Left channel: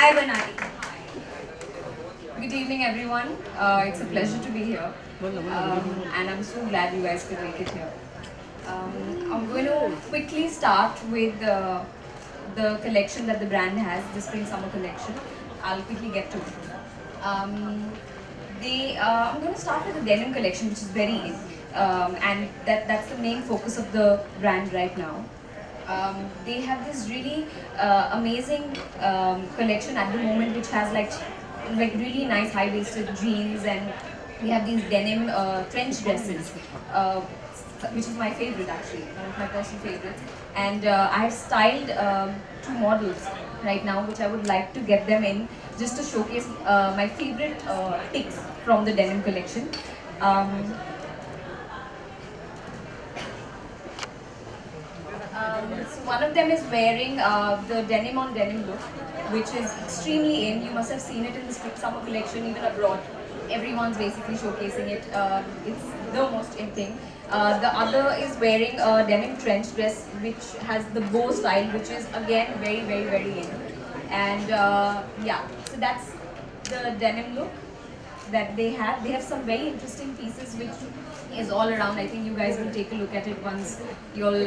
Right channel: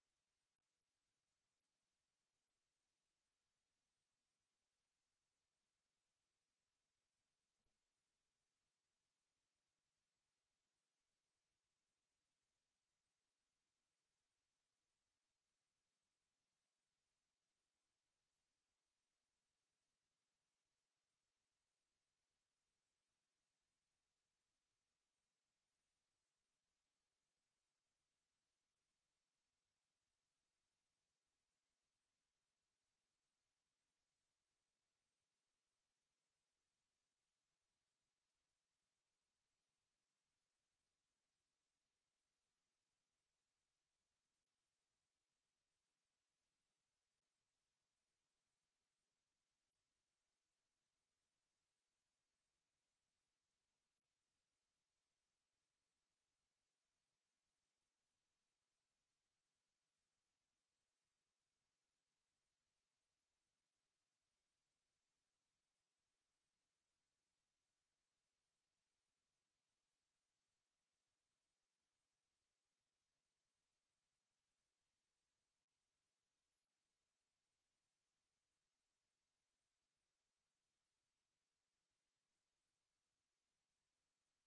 Hi, Banai. Good evening, everyone. It's a pleasure to be here, and I'm so glad you guys could make it here. I'm going to quickly start with the collection that the brand has, the Spring Summer collection. I'll quickly get to it. Um, I'm going to start with the denim collection, which is very in, and that's the main focus of the brand right now. They have this really amazing collection at the moment, which has like really nice high-waisted jeans, and we have these denim French dresses, which is my favorite actually, one of my personal favorites. And I have styled two models right now, which I would like to get them in just to showcase my favorite picks from the denim collection. Um, so one of them is wearing the denim on denim look, which is extremely in. You must have seen it in the spring summer collection, even abroad. Everyone's basically showcasing it. It's the most in thing. The other is wearing a denim trench dress, which has the bow style, which is again very, very, very in. And yeah, so that's the denim look that they have. They have some very interesting pieces which is all around. I think you guys will take a look at it once you'll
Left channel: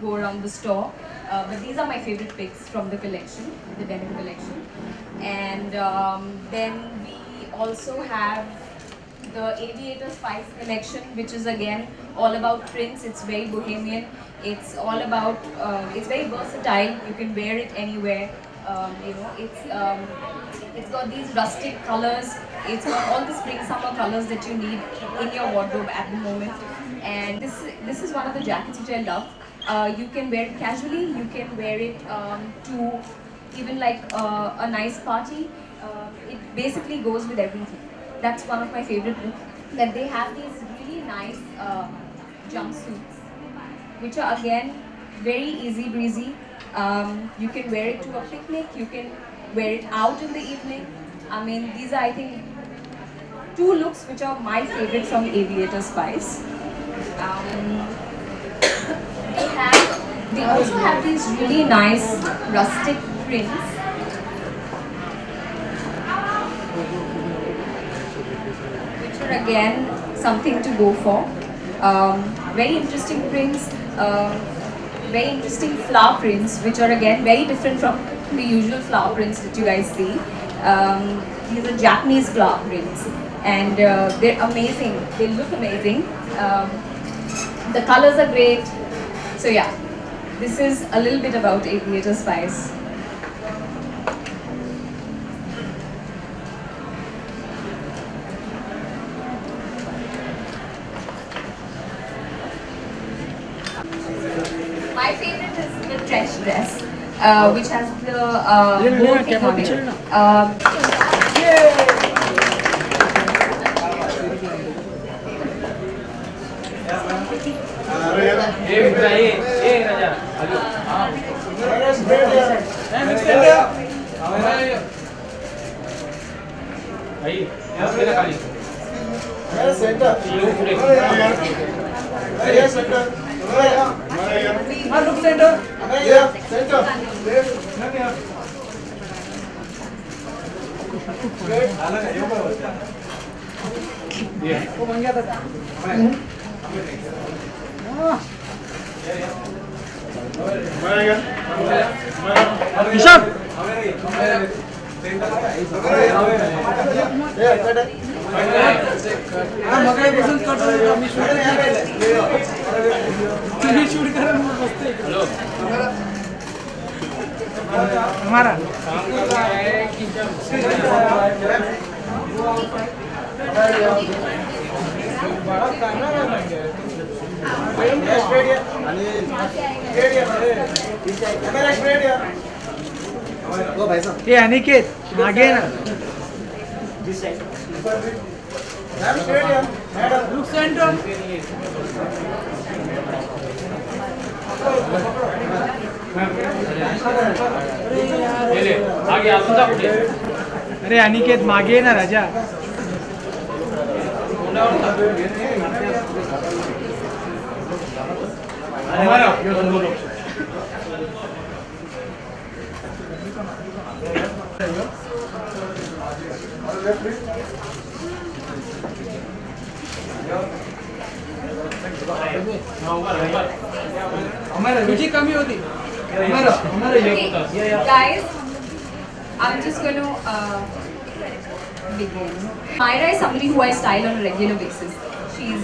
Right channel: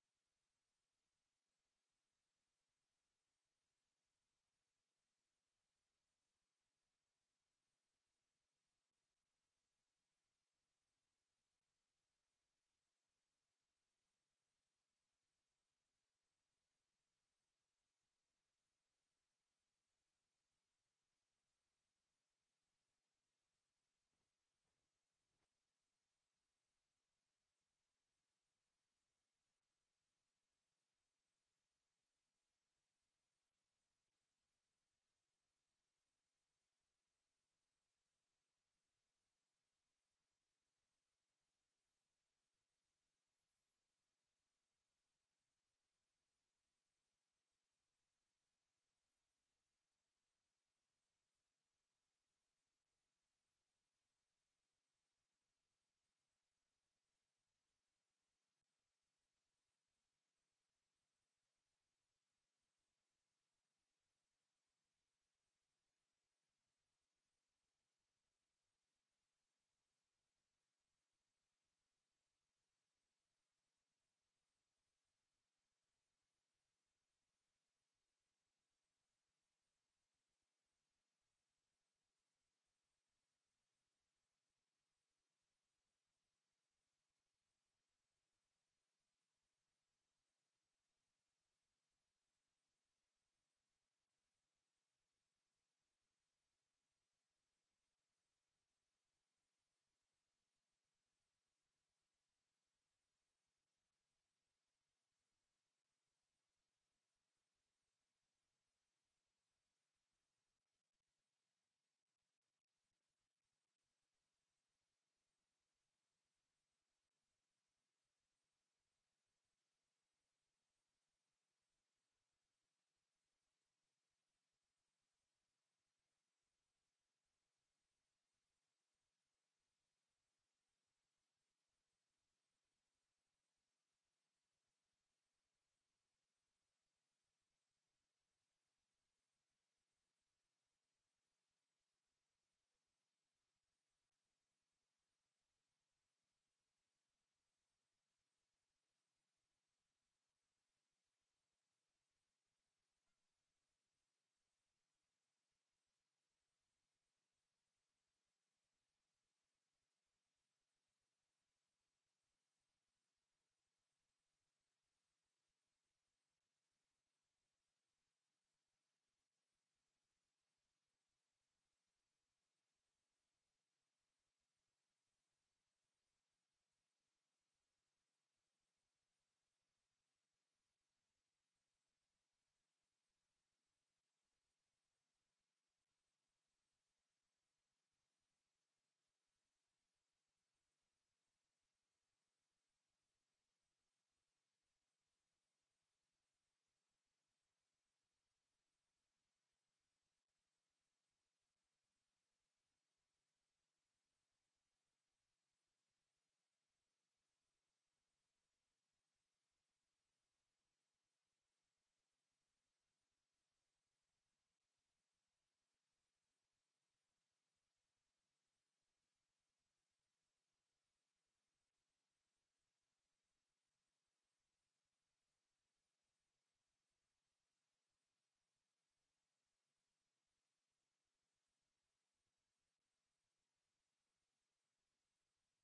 go around the store. But these are my favorite picks from the collection, the denim collection. And then we also have the Aviator Spice collection, which is again all about prints. It's very bohemian. It's all about, it's very versatile. You can wear it anywhere. It's got these rustic colors. It's got all the spring summer colors that you need in your wardrobe at the moment. And this is one of the jackets which I love. You can wear it casually. You can wear it to even like a nice party. It basically goes with everything. That's one of my favorite looks. That they have these really nice jumpsuits, which are again very easy breezy. You can wear it to a picnic. You can wear it out in the evening. I mean, these are, I think, two looks which are my favorite from Aviator Spice. Um, they also have these really nice rustic prints. Which are again something to go for. Very interesting prints, very interesting flower prints, which are again very different from the usual flower prints that you guys see. These are Japanese flower prints, and they're amazing. They look amazing. The colors are great. So yeah, this is a little bit about Aviator Spice. My favorite is the trench dress, which has the bow thing on it. ये अनिकेत आगे ना look centre अरे अनिकेत मागे ना राजा तुझी कमी होती. Okay, guys, I'm just going to begin. Myra is somebody who I style on a regular basis. She's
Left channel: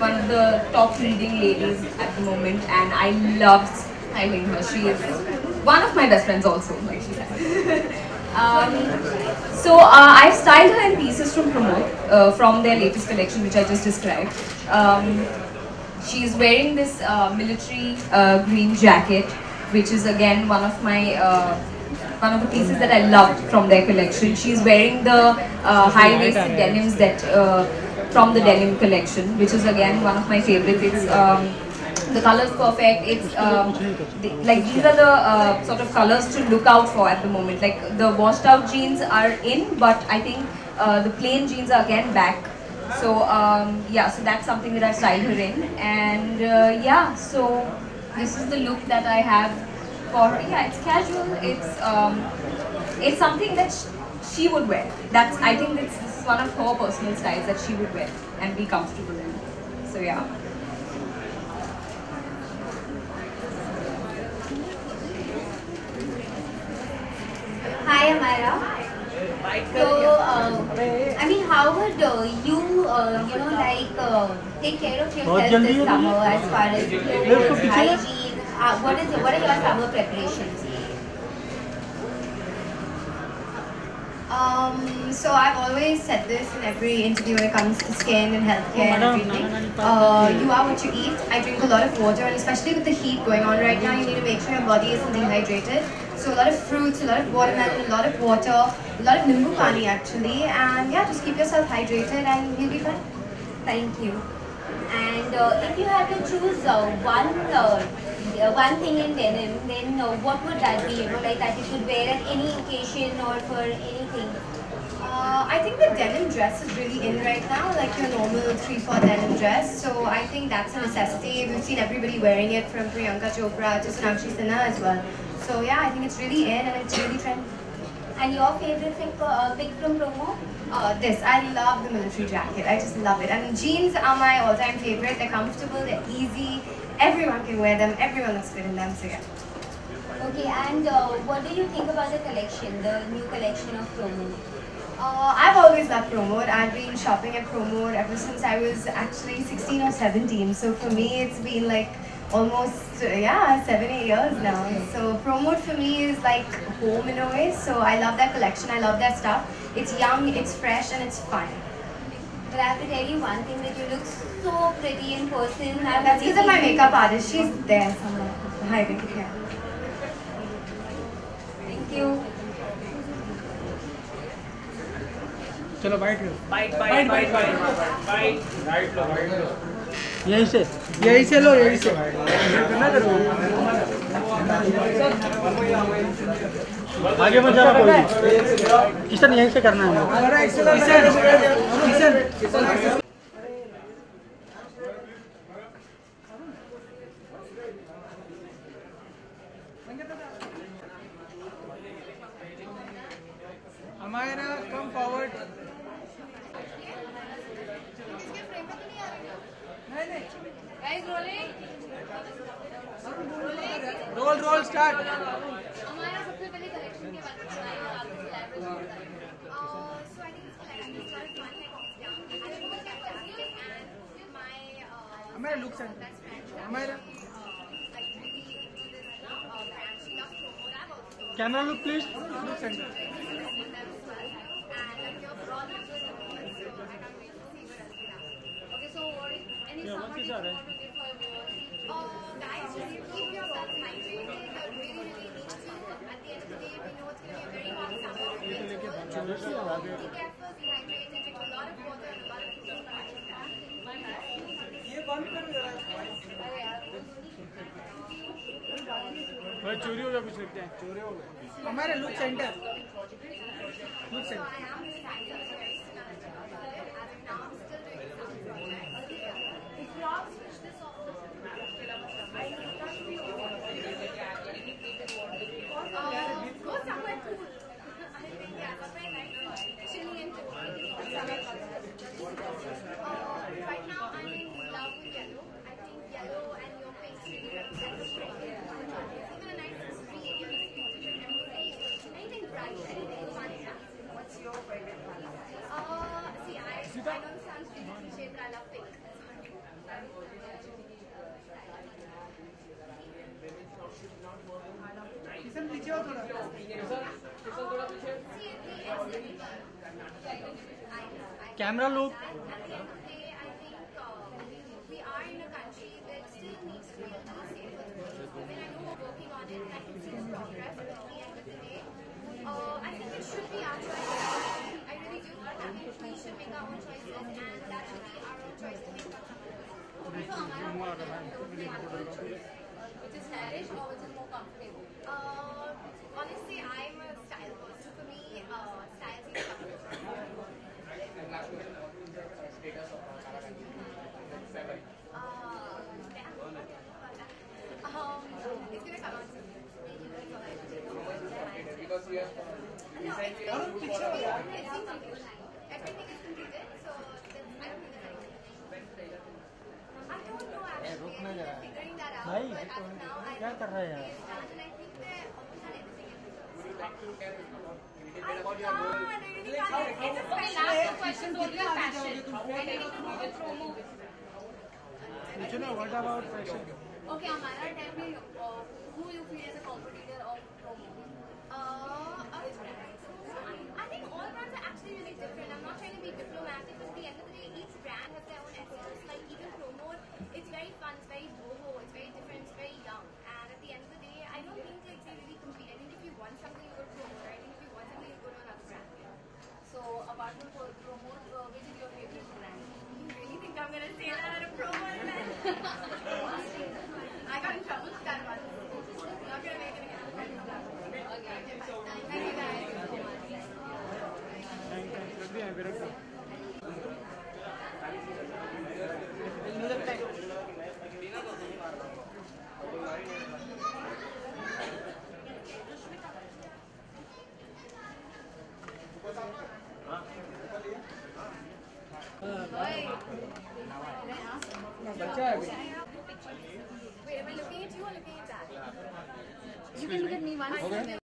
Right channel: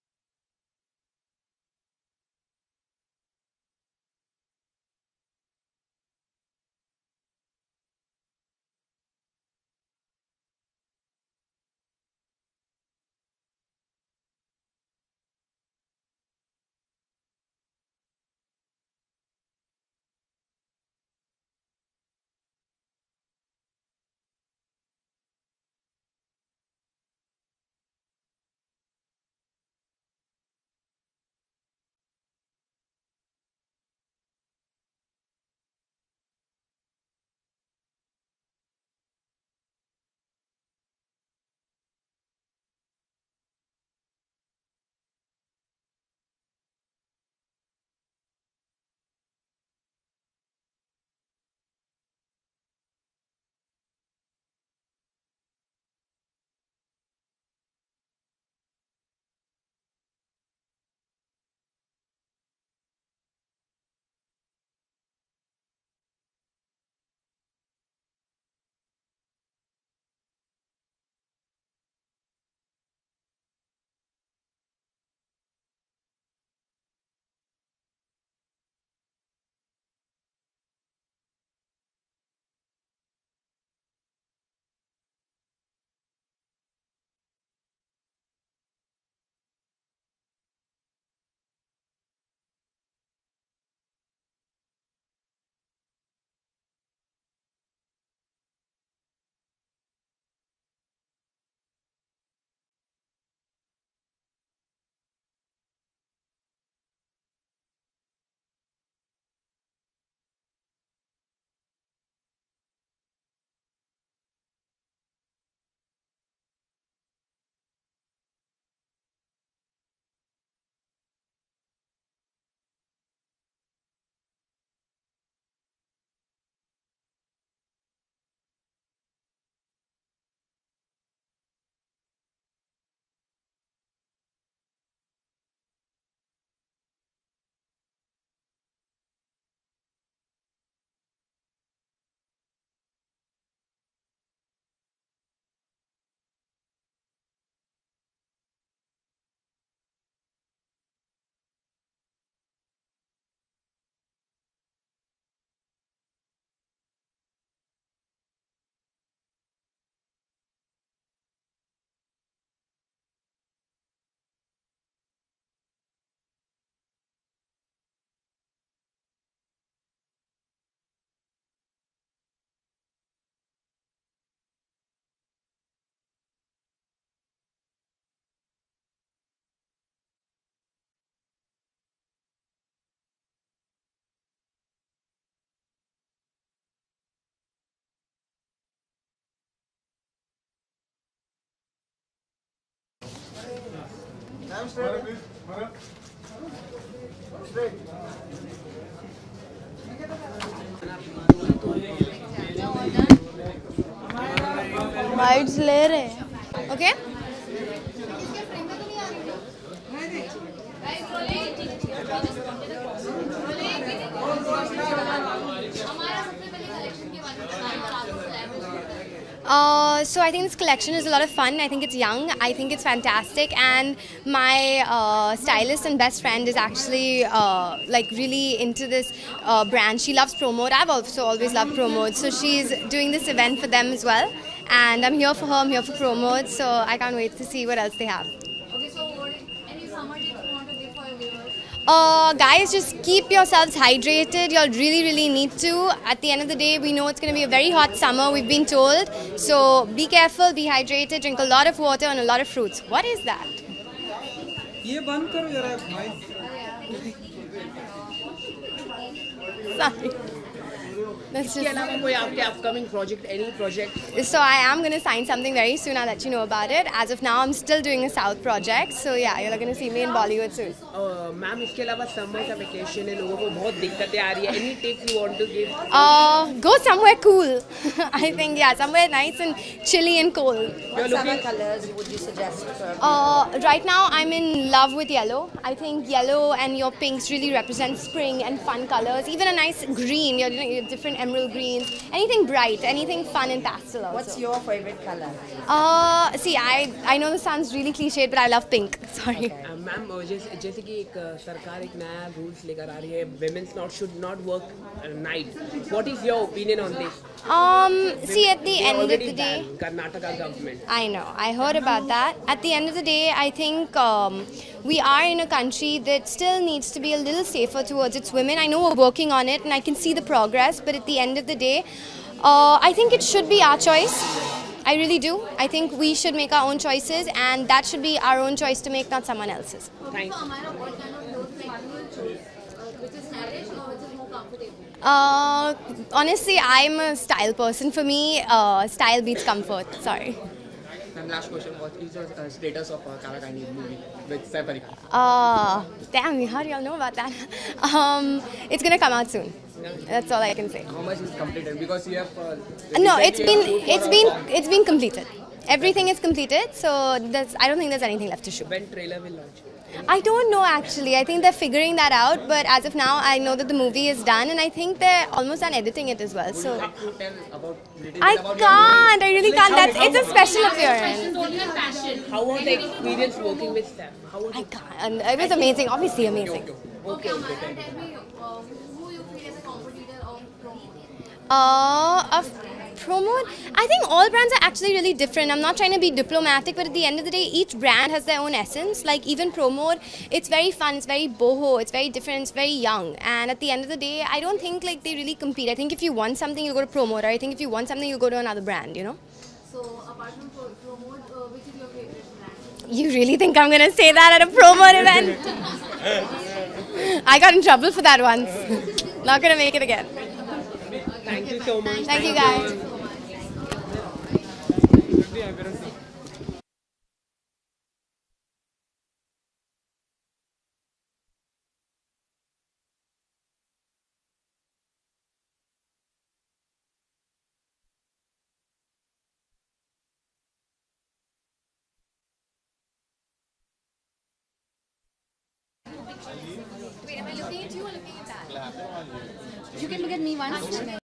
one of the top leading ladies at the moment, and I love styling her. She is one of my best friends also, like she said. I've styled her in pieces from Pramod, from their latest collection, which I just described. She's wearing this military green jacket, which is again one of the pieces that I loved from their collection. She's wearing the high-waisted denims that from the denim collection, which is again one of my favorites. It's the color's perfect. It's like these are the sort of colors to look out for at the moment. Like the washed out jeans are in, but I think the plain jeans are again back. So yeah, so that's something that I styled her in, and yeah, so this is the look that I have for her. Yeah, it's casual. It's something that she would wear. I think this is one of her personal styles that she would wear and be comfortable in. So yeah. Hi, Amara. So, I mean, how would take care of yourself this summer as far as clothes, hygiene? What are your summer preparations? So I've always said this in every interview when it comes to skin and healthcare and everything. You are what you eat. I drink a lot of water, and especially with the heat going on right now, you need to make sure your body isn't dehydrated. So a lot of fruits, a lot of watermelon, a lot of water, a lot of nimbu pani actually, and yeah, just keep yourself hydrated and you'll be fine. Thank you. And if you had to choose one thing in denim, then what would that be? Like that you should wear at any occasion or for anything. I think the denim dress is really in right now, like your normal 3/4 denim dress. So I think that's a necessity. We've seen everybody wearing it from Priyanka Chopra to Sonakshi Sinha as well. So yeah, I think it's really in and it's really trendy. And your favorite pick from promo? I love the military jacket. I just love it. I mean, jeans are my all-time favorite. They're comfortable, they're easy. Everyone can wear them. Everyone looks good in them. So yeah. Okay, and what do you think about the collection, the new collection of promo? I've always loved Promode. I've been shopping at Promode ever since I was actually 16 or 17. So for me, it's been like almost 7-8 years now. So Promode for me is like home in a way. So I love that collection. I love that stuff. It's young, it's fresh, and it's fun. But I have to tell you one thing, that you look so pretty in person. That's because of my makeup artist. She's there somewhere. Hi, Vicky. Yeah. Thank you. चलो bite यहीं से लो यहीं से आगे मत जाना कोई किशन यहीं से करना है किशन बाइट्स ले रहे हैं okay So I think this collection is a lot of fun. I think it's young. I think it's fantastic. And my stylist and best friend is actually like really into this brand. She loves Promode. I've also always loved Promode. So she's doing this event for them as well. And I'm here for her. I'm here for Promode. So I can't wait to see what else they have. Okay, so any summer tips you want to give for your viewers? Guys, just keep yourselves hydrated. You'll really need to. At the end of the day, we know it's going to be a very hot summer, we've been told. So be careful, be hydrated, drink a lot of water and a lot of fruits. What is that? ये बंद करो जरा Sorry. That's इसके अलावा just. कोई आपके upcoming project, any project? So I am going to sign something very soon. I'll let you know about it. As of now, I'm still doing a South project. So yeah, you're going to see me in Bollywood soon. Ma'am इसके अलावा summer का vacation है, लोगों को बहुत दिक्कतें आ रही है. Any take you want to give? Go somewhere cool. I think yeah, somewhere nice and chilly and cold. You're looking. colors would you suggest for Right now, I'm in love with yellow. I think yellow and your pinks really represent spring and fun colors. Even a nice green, you're doing different emerald greens. Anything bright, anything fun and pastel also. what's your favorite color? See, I know this sounds really cliched, but I love pink. Sorry. Ma'am जैसे कि एक सरकार एक नया rules लेकर आ रही है, women's not should not work night. What is your opinion on this? See, at the end of Already the day. banned, Karnataka government. I know. I heard about that. At the end of the day, I think we are in a country that still needs to be a little safer towards its women. I know we're working on it and I can see the progress, but at the end of the day, I think it should be our choice. I really do. I think we should make our own choices and that should be our own choice to make, not someone else's. Thank you. Amara, what kind of clothes like you will choose? Which is stylish or which is more comfortable? Honestly, I'm a style person. For me, style beats comfort. Sorry. And last question, what is your status of Karakani movie with Saif Ali Khan? Damn, how do y'all know about that? It's gonna come out soon. That's all I can say. How much is completed? Because you have No, it's been completed. Everything is completed, so I don't think there's anything left to shoot. When trailer will launch? I don't know actually. I think they're figuring that out, but as of now, I know that the movie is done, and I think they're almost done editing it as well. So tell about I can't. I really can't. It's a special appearance. Questions only on passion. How was the experience working with Steph? How was I it? can't. It was amazing. Obviously amazing. Okay, Amara, tell me who you feel is a competitor of promo? Of promote, I think all brands are actually really different. I'm not trying to be diplomatic, but at the end of the day, each brand has their own essence. Like even Promote, it's very fun, it's very boho, it's very different, it's very young. And at the end of the day, I don't think like they really compete. I think if you want something, you go to Promote, or I think if you want something, you go to another brand, you know? So, apart from promote, which is your favorite brand? You really think I'm gonna say that at a Promote event? I got in trouble for that once. Not gonna make it again. Thank you so much. Thank you guys. Wait, am I looking at you or looking at that? You can look at me once.